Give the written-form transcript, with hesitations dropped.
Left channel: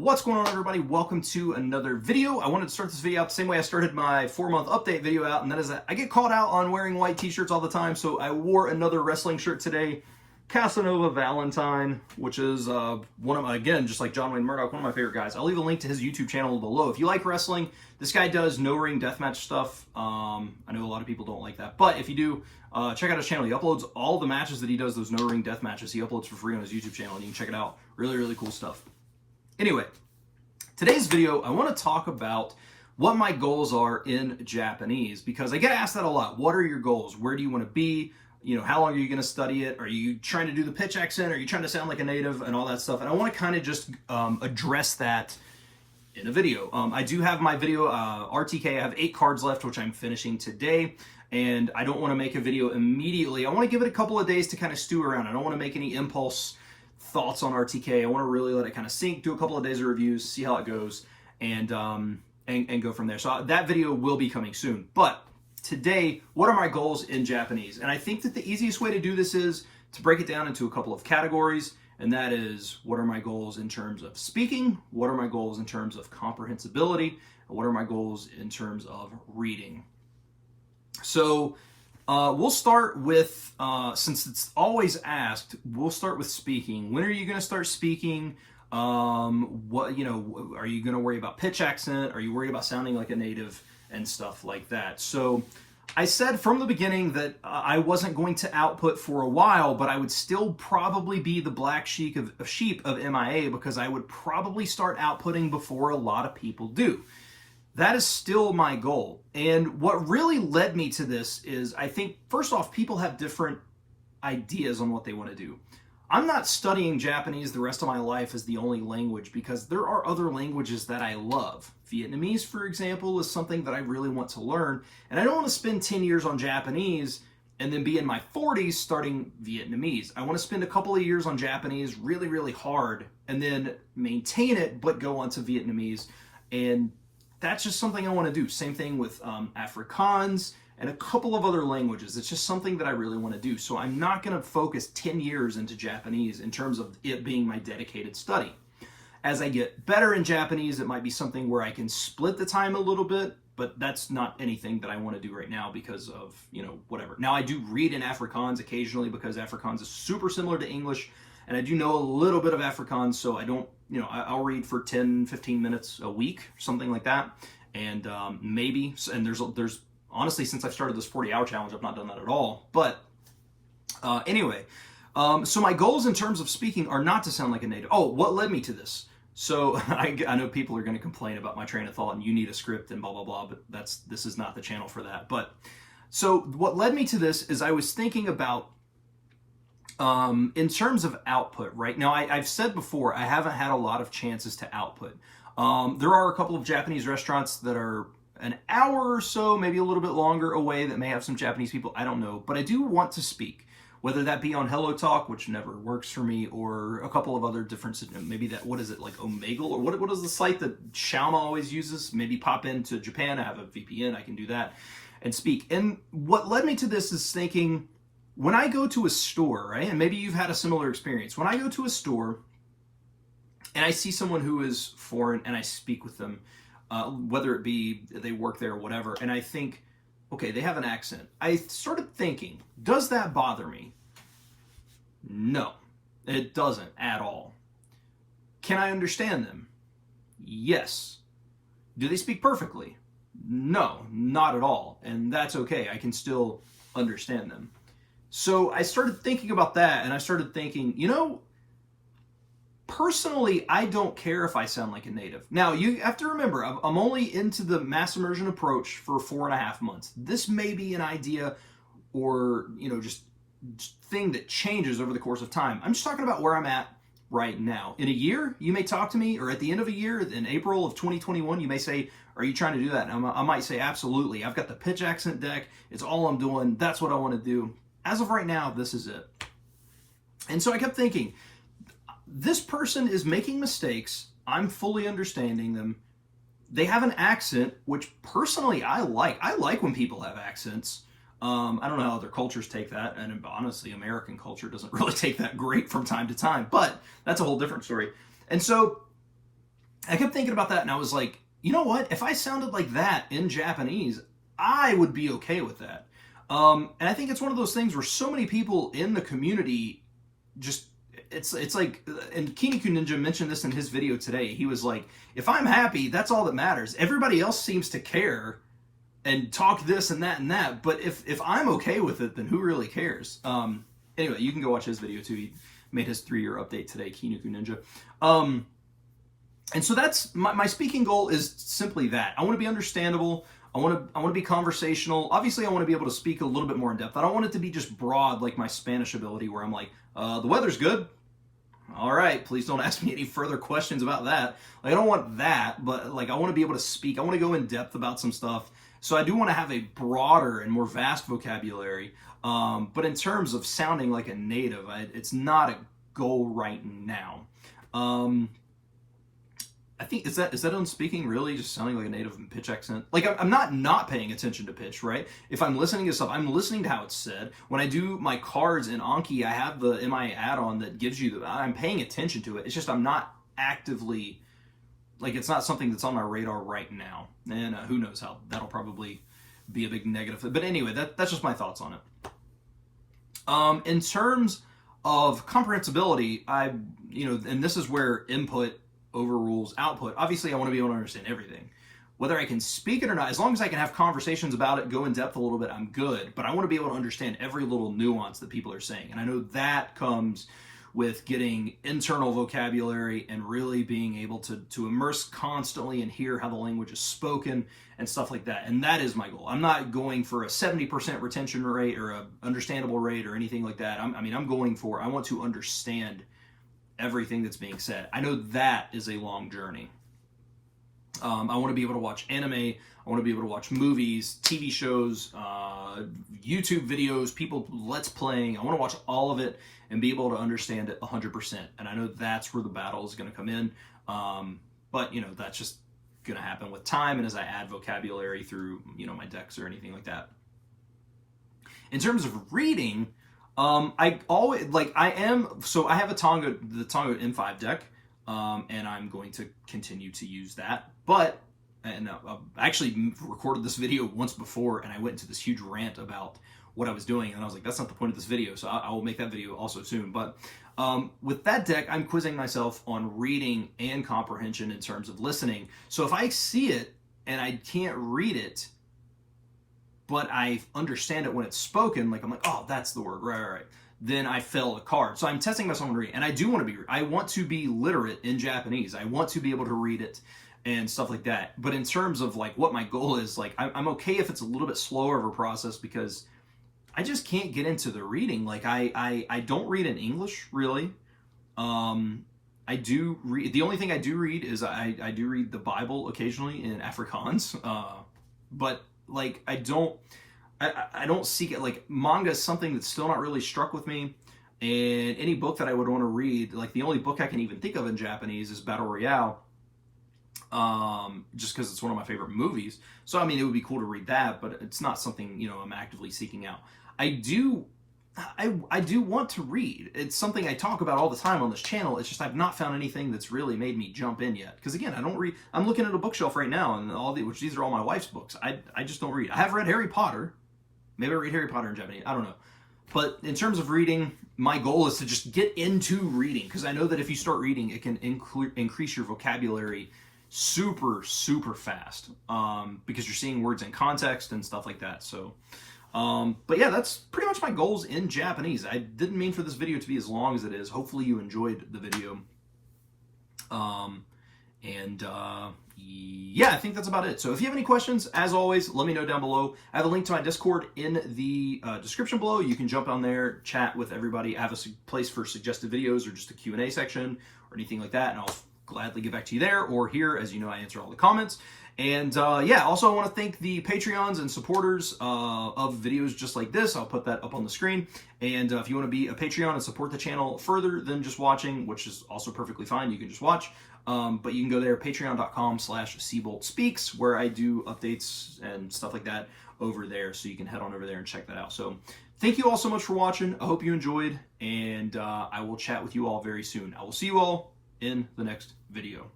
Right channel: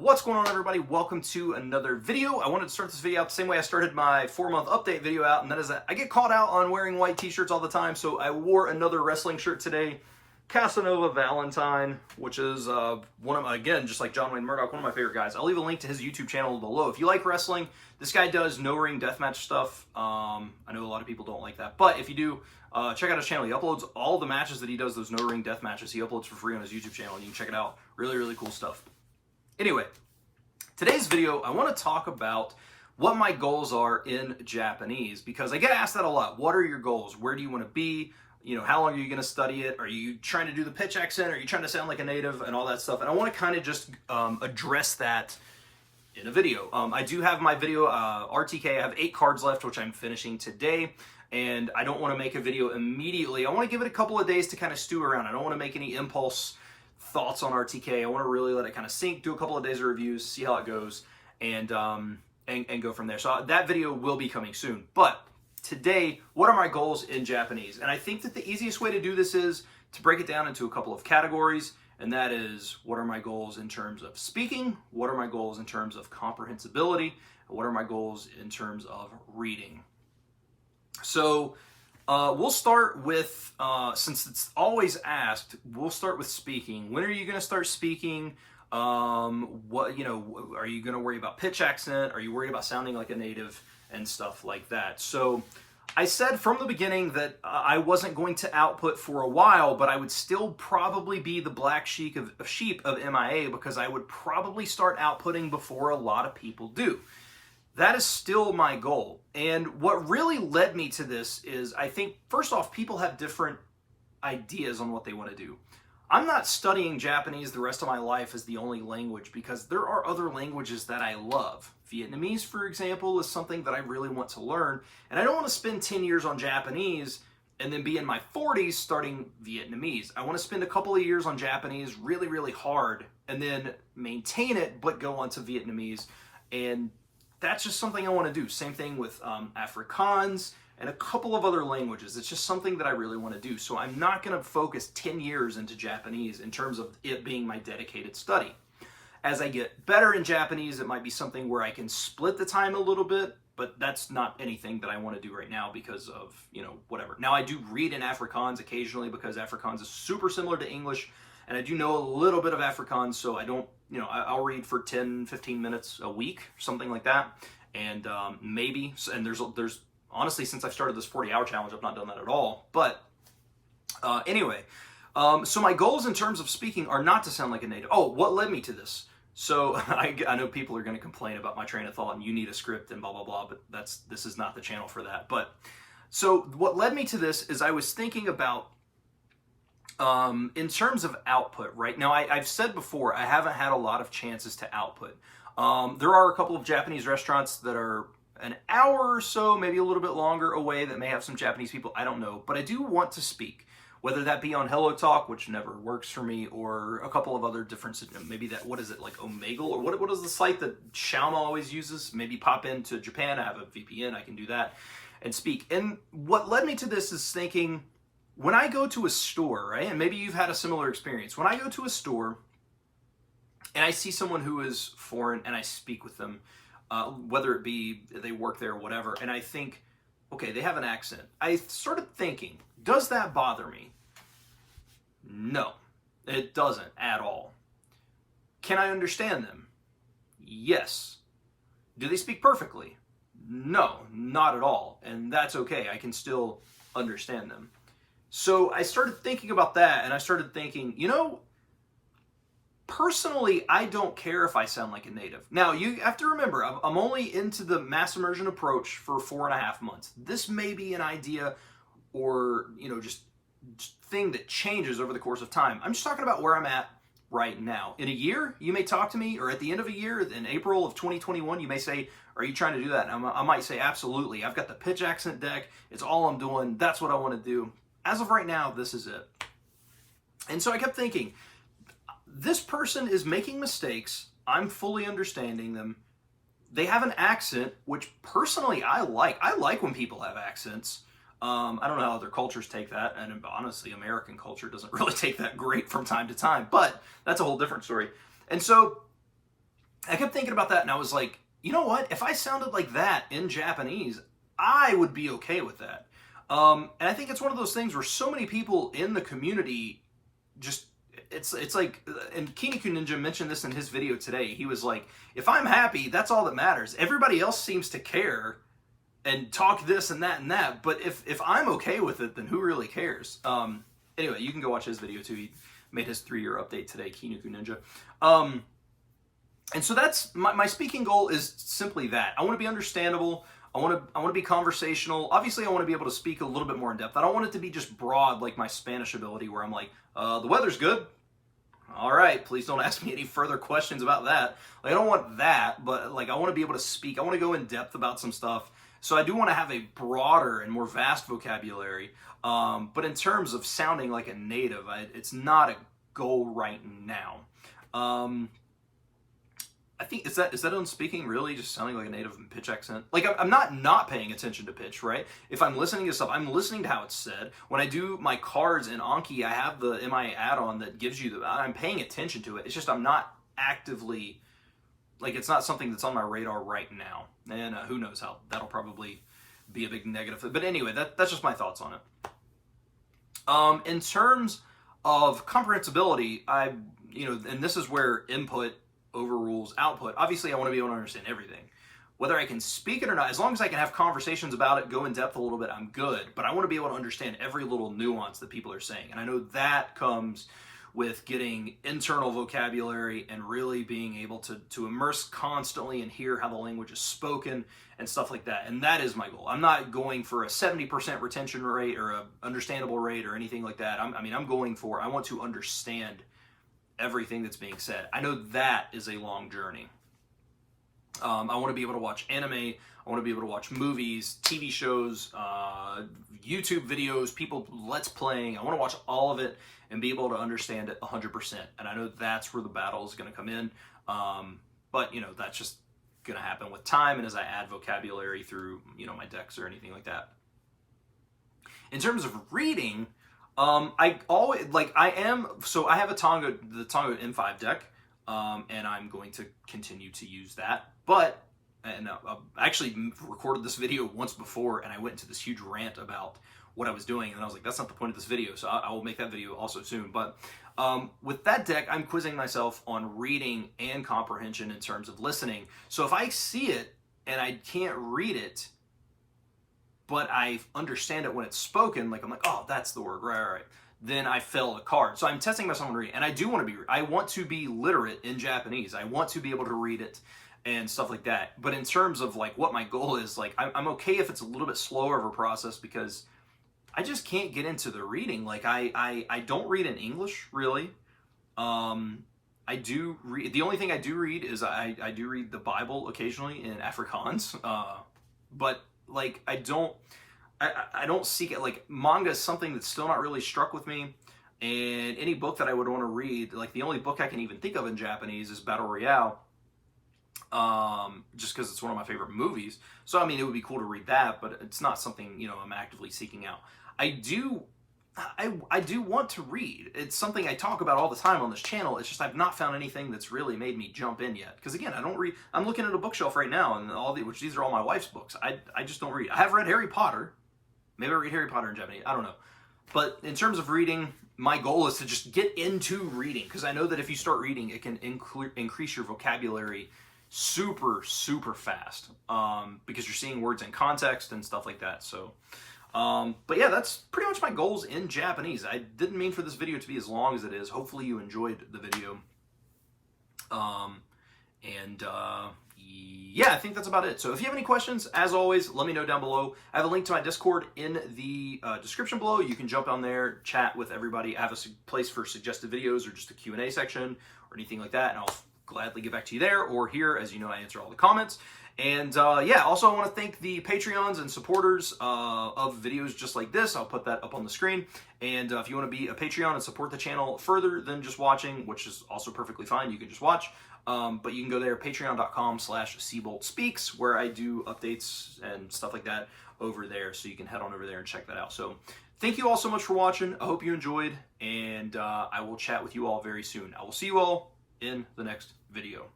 What's going on, everybody? Welcome to another video. I wanted to start this video out the same way I started my 4-month update video out, and that is that I get caught out on wearing white t-shirts all the time, so I wore another wrestling shirt today, Casanova Valentine, which is one of my, again, just like John Wayne Murdoch, one of my favorite guys. I'll leave a link to his YouTube channel below. If you like wrestling, this guy does no-ring deathmatch stuff. I know a lot of people don't like that, but if you do, check out his channel. He uploads all the matches that he does, those no-ring death matches. He uploads for free on his YouTube channel, and you can check it out. Really, really cool stuff. Anyway, today's video, I want to talk about what my goals are in Japanese, because I get asked that a lot. What are your goals? Where do you want to be? You know, how long are you going to study it? Are you trying to do the pitch accent? Are you trying to sound like a native and all that stuff? And I want to kind of just address that in a video. I do have my video, RTK. I have 8 cards left, which I'm finishing today. And I don't want to make a video immediately. I want to give it a couple of days to kind of stew around. I don't want to make any impulse thoughts on RTK. I want to really let it kind of sink, do a couple of days of reviews, see how it goes, and go from there. So that video will be coming soon. But today, what are my goals in Japanese? And I think that the easiest way to do this is to break it down into a couple of categories, and that is, what are my goals in terms of speaking? What are my goals in terms of comprehensibility? And what are my goals in terms of reading? So we'll start with, since it's always asked, we'll start with speaking. When are you going to start speaking? What, you know, are you going to worry about pitch accent? Are you worried about sounding like a native and stuff like that? So I said from the beginning that I wasn't going to output for a while, but I would still probably be the black sheep of MIA, because I would probably start outputting before a lot of people do. That is still my goal. And what really led me to this is, I think, first off, people have different ideas on what they want to do. I'm not studying Japanese the rest of my life as the only language, because there are other languages that I love. Vietnamese, for example, is something that I really want to learn. And I don't want to spend 10 years on Japanese and then be in my 40s starting Vietnamese. I want to spend a couple of years on Japanese really, really hard, and then maintain it, but go on to Vietnamese. And that's just something I want to do. Same thing with Afrikaans and a couple of other languages. It's just something that I really want to do. So I'm not going to focus 10 years into Japanese in terms of it being my dedicated study. As I get better in Japanese, it might be something where I can split the time a little bit, but that's not anything that I want to do right now because of, you know, whatever. Now, I do read in Afrikaans occasionally, because Afrikaans is super similar to English, and I do know a little bit of Afrikaans, so I don't, you know, I'll read for 10, 15 minutes a week, something like that. And maybe, and there's honestly, since I've started this 40-hour challenge, I've not done that at all. But anyway, so my goals in terms of speaking are not to sound like a native. Oh, what led me to this? So I know people are going to complain about my train of thought and you need a script and blah, blah, blah, but this is not the channel for that. But so what led me to this is I was thinking about, in terms of output, right? Now, I've said before, I haven't had a lot of chances to output. There are a couple of Japanese restaurants that are an hour or so, maybe a little bit longer away, that may have some Japanese people. I don't know. But I do want to speak, whether that be on Hello Talk, which never works for me, or a couple of other different, maybe that, what is it, like Omegle? Or what is the site that Xiaoma always uses? Maybe pop into Japan. I have a VPN. I can do that and speak. And what led me to this is thinking, when I go to a store, right, and maybe you've had a similar experience, when I go to a store and I see someone who is foreign and I speak with them, whether it be they work there or whatever, and I think, okay, they have an accent. I started thinking, does that bother me? No, it doesn't at all. Can I understand them? Yes. Do they speak perfectly? No, not at all. And that's okay. I can still understand them. So I started thinking about that, and I started thinking, you know, personally, I don't care if I sound like a native. Now, you have to remember, I'm only into the mass immersion approach for 4.5 months. This may be an idea or, you know, just thing that changes over the course of time. I'm just talking about where I'm at right now. In a year, you may talk to me, or at the end of a year, in April of 2021, you may say, are you trying to do that? And I might say, absolutely. I've got the pitch accent deck. It's all I'm doing. That's what I want to do. As of right now, this is it. And so I kept thinking, this person is making mistakes. I'm fully understanding them. They have an accent, which personally I like. I like when people have accents. I don't know how other cultures take that. And honestly, American culture doesn't really take that great from time to time. But that's a whole different story. And so I kept thinking about that, and I was like, you know what? If I sounded like that in Japanese, I would be okay with that. And I think it's one of those things where so many people in the community just, it's like, and Kiniku Ninja mentioned this in his video today. He was like, if I'm happy, that's all that matters. Everybody else seems to care and talk this and that, but if I'm okay with it, then who really cares? Anyway, you can go watch his video too. He made his 3-year update today, Kiniku Ninja. And so that's my speaking goal is simply that. I want to be understandable. I want to be conversational. Obviously, I want to be able to speak a little bit more in depth. I don't want it to be just broad like my Spanish ability, where I'm like, the weather's good. All right, please don't ask me any further questions about that. Like, I don't want that, but like, I want to be able to speak. I want to go in depth about some stuff. So I do want to have a broader and more vast vocabulary. But in terms of sounding like a native, it's not a goal right now. I think, is that on speaking really just sounding like a native pitch accent? Like, I'm not paying attention to pitch, right? If I'm listening to stuff, I'm listening to how it's said. When I do my cards in Anki, I have the MI add-on that gives you I'm paying attention to it. It's just I'm not actively, like, it's not something that's on my radar right now. And who knows how, that'll probably be a big negative. But anyway, that's just my thoughts on it. In terms of comprehensibility, and this is where input overrules output. Obviously, I want to be able to understand everything. Whether I can speak it or not, as long as I can have conversations about it, go in depth a little bit, I'm good. But I want to be able to understand every little nuance that people are saying. And I know that comes with getting internal vocabulary and really being able to immerse constantly and hear how the language is spoken and stuff like that. And that is my goal. I'm not going for a 70% retention rate or a understandable rate or anything like that. I'm going for, I want to understand everything that's being said. I know that is a long journey. I want to be able to watch anime. I want to be able to watch movies, TV shows, YouTube videos, people let's playing. I want to watch all of it and be able to understand it 100%. And I know that's where the battle is going to come in. But that's just going to happen with time and as I add vocabulary through my decks or anything like that. In terms of reading, I have the Tonga M5 deck, and I'm going to continue to use that. But, I actually recorded this video once before, and I went into this huge rant about what I was doing, and I was like, that's not the point of this video, so I will make that video also soon. But with that deck, I'm quizzing myself on reading and comprehension in terms of listening. So if I see it and I can't read it, but I understand it when it's spoken, like I'm like, oh, that's the word, right. Then I fail a card. So I'm testing myself on reading, and I want to be literate in Japanese. I want to be able to read it and stuff like that. But in terms of like what my goal is, like I'm okay if it's a little bit slower of a process because I just can't get into the reading. Like I don't read in English really. I do read. The only thing I do read is I do read the Bible occasionally in Afrikaans, but like I don't seek it. Like manga is something that's still not really struck with me, and any book that I would want to read, like the only book I can even think of in Japanese is Battle Royale, just because it's one of my favorite movies. So I mean, it would be cool to read that, but it's not something I'm actively seeking out. I do want to read. It's something I talk about all the time on this channel. It's just I've not found anything that's really made me jump in yet. Because again, I don't read. I'm looking at a bookshelf right now, and which these are all my wife's books. I just don't read. I have read Harry Potter. Maybe I read Harry Potter in Japanese. I don't know. But in terms of reading, my goal is to just get into reading. Because I know that if you start reading, it can increase your vocabulary super, super fast. Because you're seeing words in context and stuff like that. So... but yeah, that's pretty much my goals in Japanese. I didn't mean for this video to be as long as it is. Hopefully you enjoyed the video. Yeah, I think that's about it. So if you have any questions, as always, let me know down below. I have a link to my Discord in the description below. You can jump on there, chat with everybody. I have a place for suggested videos or just a Q&A section or anything like that, and I'll gladly get back to you there or here. As you know, I answer all the comments. And yeah, also I want to thank the Patreons and supporters of videos just like this. I'll put that up on the screen. And if you want to be a Patreon and support the channel further than just watching, which is also perfectly fine, you can just watch. But you can go there, patreon.com/SeaboltSpeaks, where I do updates and stuff like that over there. So you can head on over there and check that out. So thank you all so much for watching. I hope you enjoyed, and I will chat with you all very soon. I will see you all in the next video.